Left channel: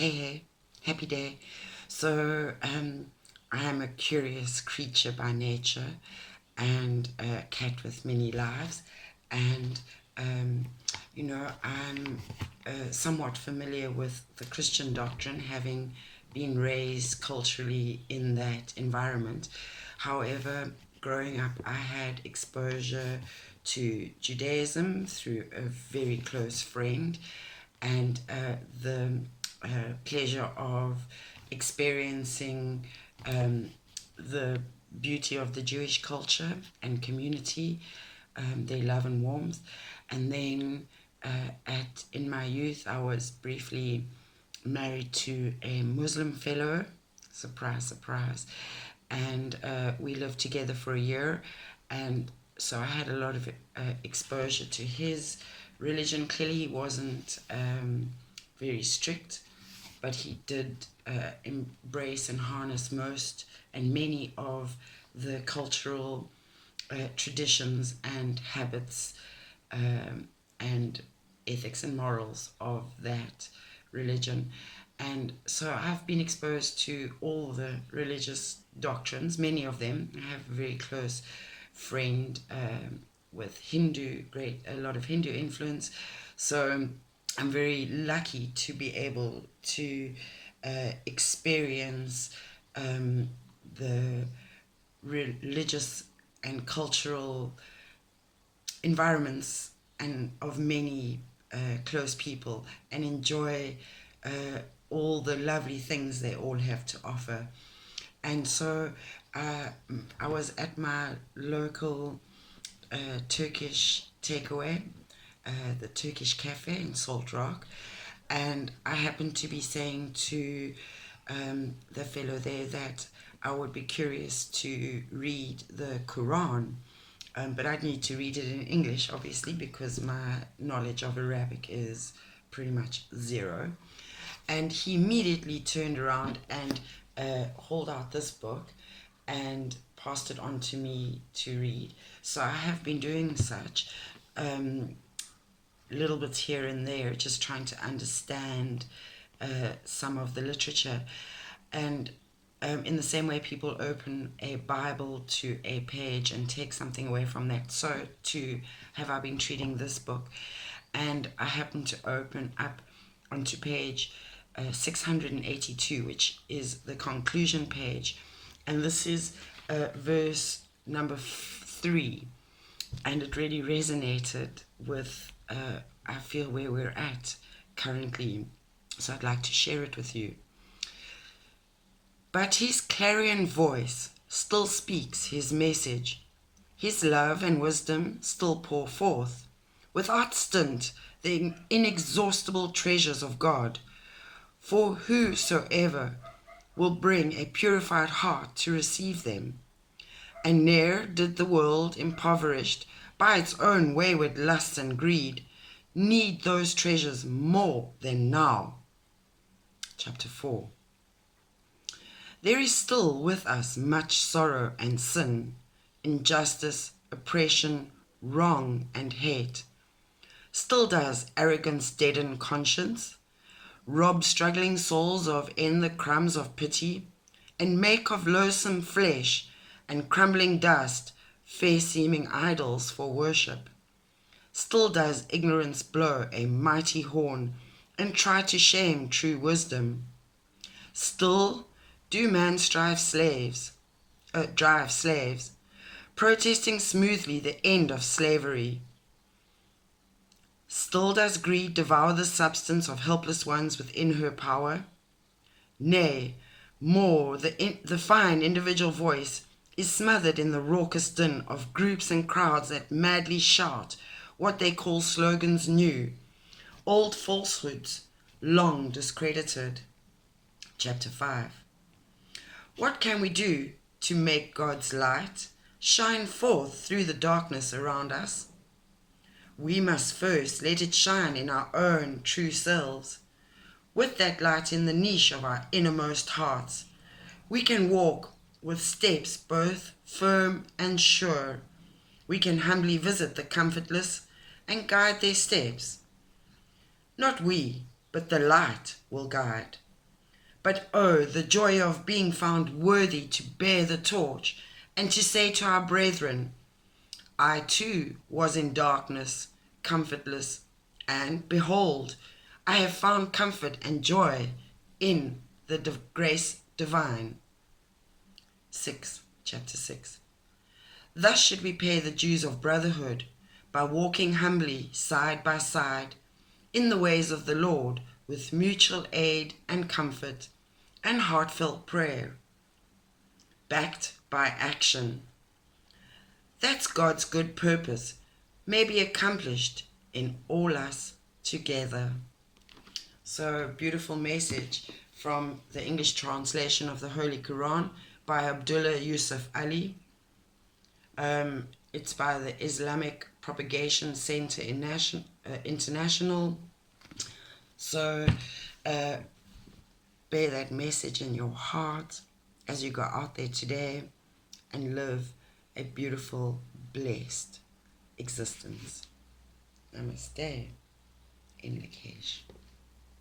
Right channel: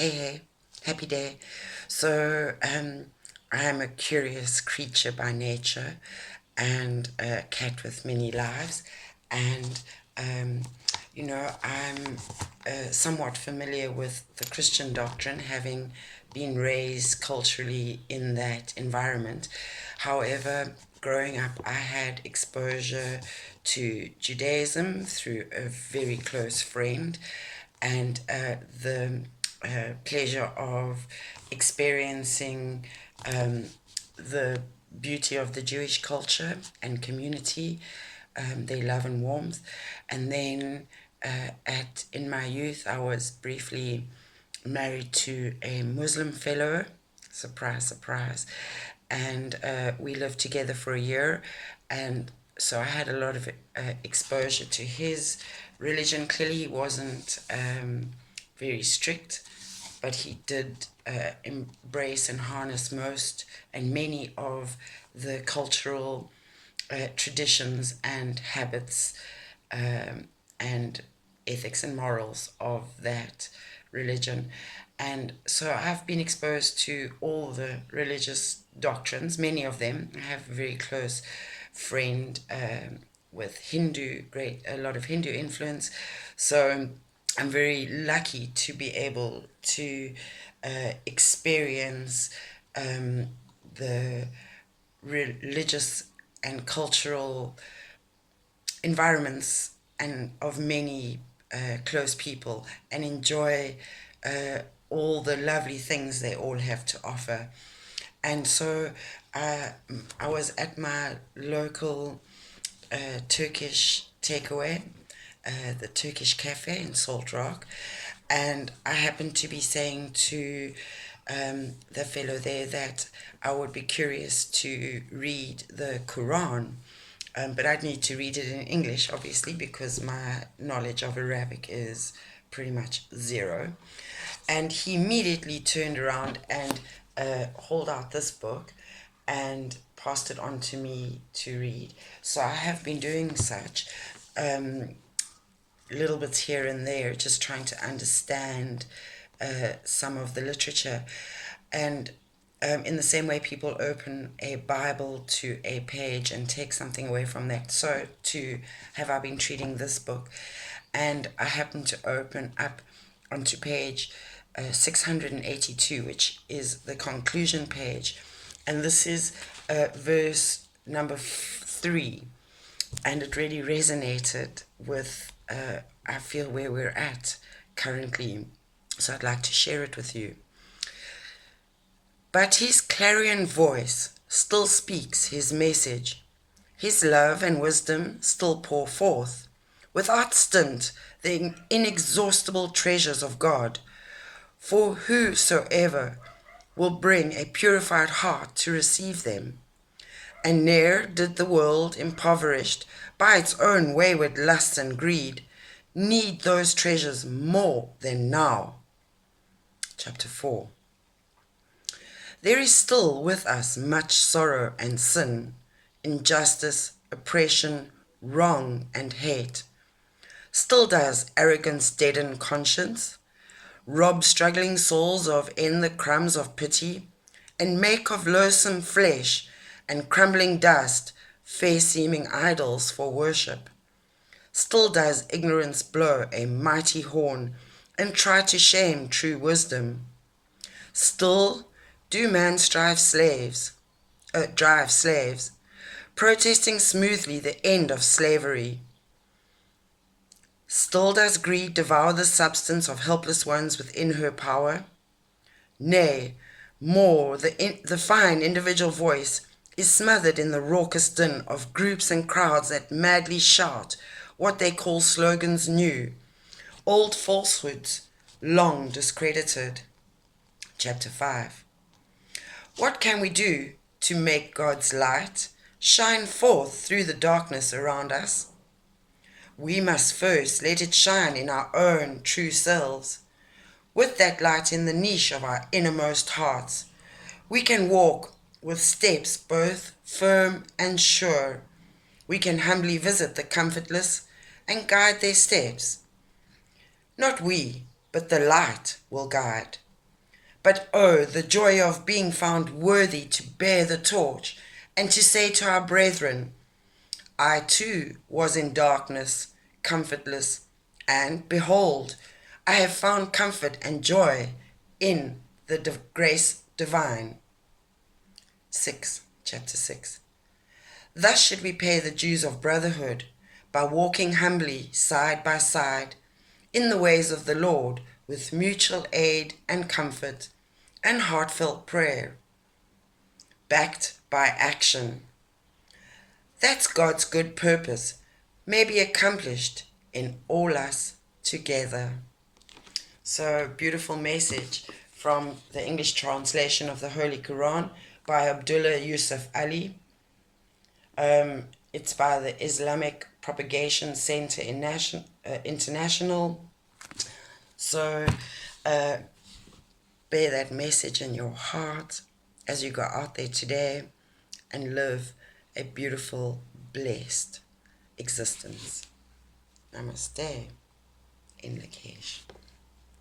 Hey, happy day. So, I am a curious creature by nature and a cat with many lives. And, um, I'm somewhat familiar with the Christian doctrine, having been raised culturally in that environment. However, growing up, I had exposure to Judaism through a very close friend, and the pleasure of experiencing the beauty of the Jewish culture and community, their love and warmth. And then in my youth, I was briefly married to a Muslim fellow. Surprise, surprise. And we lived together for a year. And so I had a lot of exposure to his religion. Clearly, he wasn't very strict, but he did embrace and harness most and many of the cultural traditions and habits and ethics and morals of that religion. And so I've been exposed to all the religious doctrines, many of them. I have a very close friend with a lot of Hindu influence. So I'm very lucky to be able to experience the religious and cultural environments and of many close people, and enjoy all the lovely things they all have to offer. And so I was at my local Turkish takeaway, the Turkish cafe in Salt Rock, and I happened to be saying to the fellow there that I would be curious to read the Quran, but I'd need to read it in English, obviously, because my knowledge of Arabic is pretty much zero. And he immediately turned around and hauled out this book and passed it on to me to read. So I have been doing such little bits here and there, just trying to understand some of the literature. And in the same way people open a Bible to a page and take something away from that, so too have I been treating this book. And I happen to open up onto page 682, which is the conclusion page. And this is verse number 3. And it really resonated with, I feel, where we're at currently. So I'd like to share it with you. But his clarion voice still speaks his message. His love and wisdom still pour forth, without stint, the inexhaustible treasures of God. For whosoever will bring a purified heart to receive them. And ne'er did the world, impoverished by its own wayward lust and greed, need those treasures more than now. Chapter 4. There is still with us much sorrow and sin, injustice, oppression, wrong and hate. Still does arrogance deaden conscience, rob struggling souls of e'en the crumbs of pity, and make of loathsome flesh and crumbling dust fair-seeming idols for worship. Still does ignorance blow a mighty horn and try to shame true wisdom. Still do man drive slaves, protesting smoothly the end of slavery. Still does greed devour the substance of helpless ones within her power. Nay, more, the fine individual voice is smothered in the raucous din of groups and crowds that madly shout what they call slogans new, old falsehoods long discredited. Chapter 5. What can we do to make God's light shine forth through the darkness around us? We must first let it shine in our own true selves. With that light in the niche of our innermost hearts, we can walk with steps both firm and sure. We can humbly visit the comfortless and guide their steps. Not we, but the light will guide. But oh, the joy of being found worthy to bear the torch and to say to our brethren, I too was in darkness, comfortless, and behold, I have found comfort and joy in the grace divine. 6, chapter 6. Thus should we pay the dues of brotherhood, by walking humbly side by side in the ways of the Lord with mutual aid and comfort and heartfelt prayer, backed by action. That's God's good purpose may be accomplished in all us together. So, beautiful message from the English translation of the Holy Qur'an by Abdullah Yusuf Ali. It's by the Islamic Propagation Center International. So, bear that message in your heart as you go out there today and live a beautiful, blessed existence. Namaste in Lakesh.